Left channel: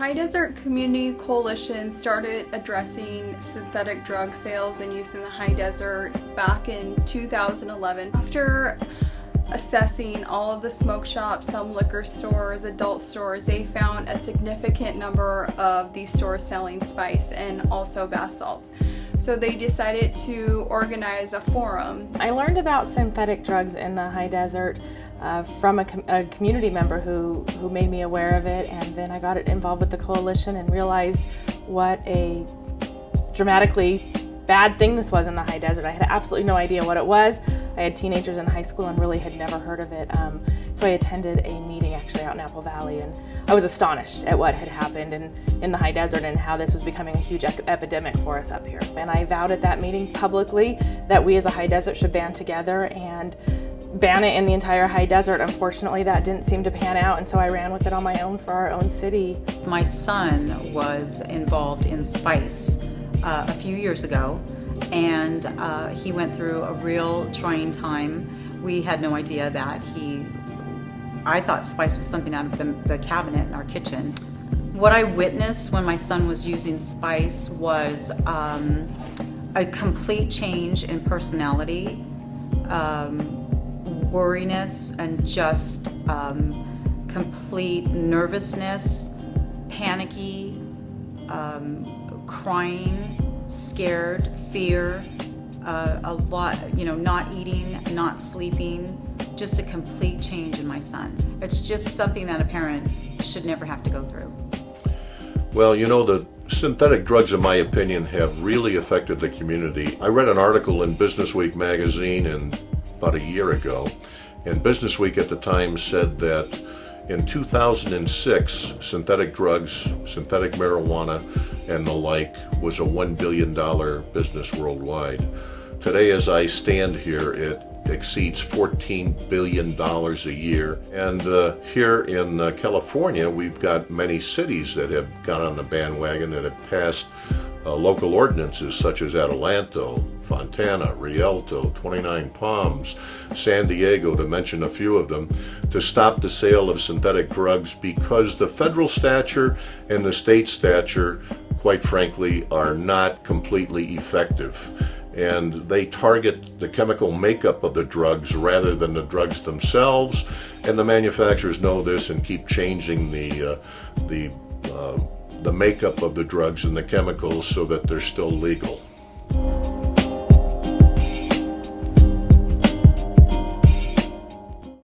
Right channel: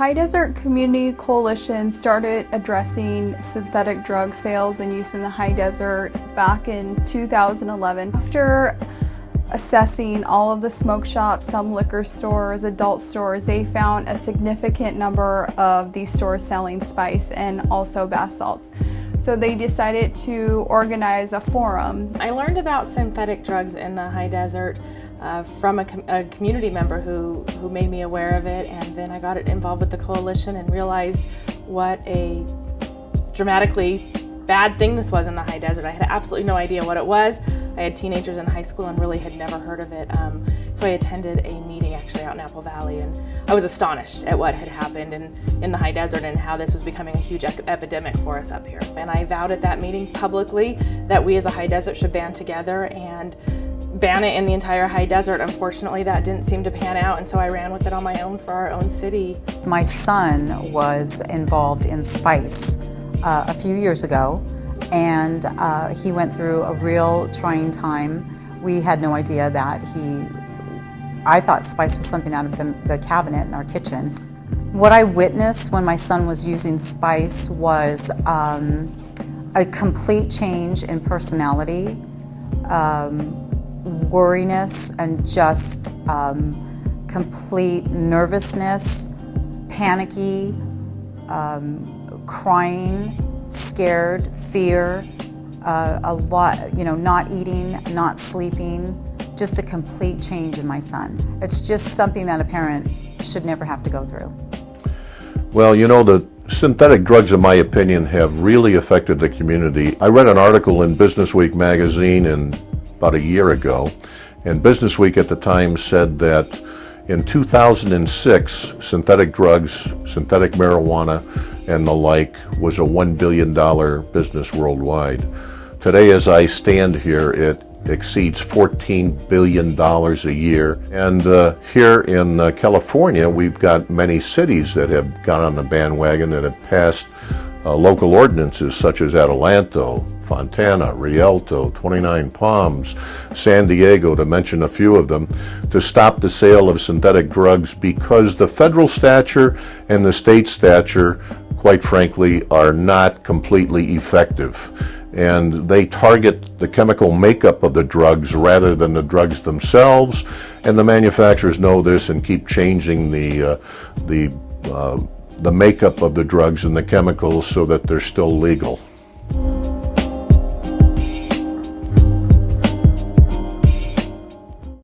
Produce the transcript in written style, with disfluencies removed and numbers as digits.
High Desert Community Coalition started addressing synthetic drug sales and use in the high desert back in 2011. After assessing all of the smoke shops, some liquor stores, adult stores, they found a significant number of these stores selling spice and also bath salts. So they decided to organize a forum. I learned about synthetic drugs in the high desert from a community member who made me aware of it, and then I got involved with the coalition and realized what a dramatically bad thing this was in the high desert. I had absolutely no idea what it was. I had teenagers in high school and really had never heard of it. So I attended a meeting actually out in Apple Valley, and I was astonished at what had happened in the high desert and how this was becoming a huge epidemic for us up here. And I vowed at that meeting publicly that we as a high desert should band together and ban it in the entire high desert. Unfortunately, that didn't seem to pan out, and so I ran with it on my own for our own city. My son was involved in spice a few years ago, and he went through a real trying time. We had no idea that I thought spice was something out of the cabinet in our kitchen. What I witnessed when my son was using spice was a complete change in personality, worriness, and just complete nervousness, panicky, crying, scared, fear, a lot, not eating, not sleeping, just a complete change in my son. It's just something that a parent should never have to go through. Well, the synthetic drugs, in my opinion, have really affected the community. I read an article in Business Week magazine about a year ago, and Business Week at the time said that in 2006, synthetic drugs, synthetic marijuana, and the like was a $1 billion business worldwide. Today, as I stand here, it exceeds $14 billion a year. And here in California, we've got many cities that have got on the bandwagon that have passed local ordinances such as Adelanto, Fontana, Rialto, 29 Palms, San Diego, to mention a few of them, to stop the sale of synthetic drugs because the federal stature and the state stature, quite frankly, are not completely effective. And they target the chemical makeup of the drugs rather than the drugs themselves. And the manufacturers know this and keep changing the makeup of the drugs and the chemicals so that they're still legal.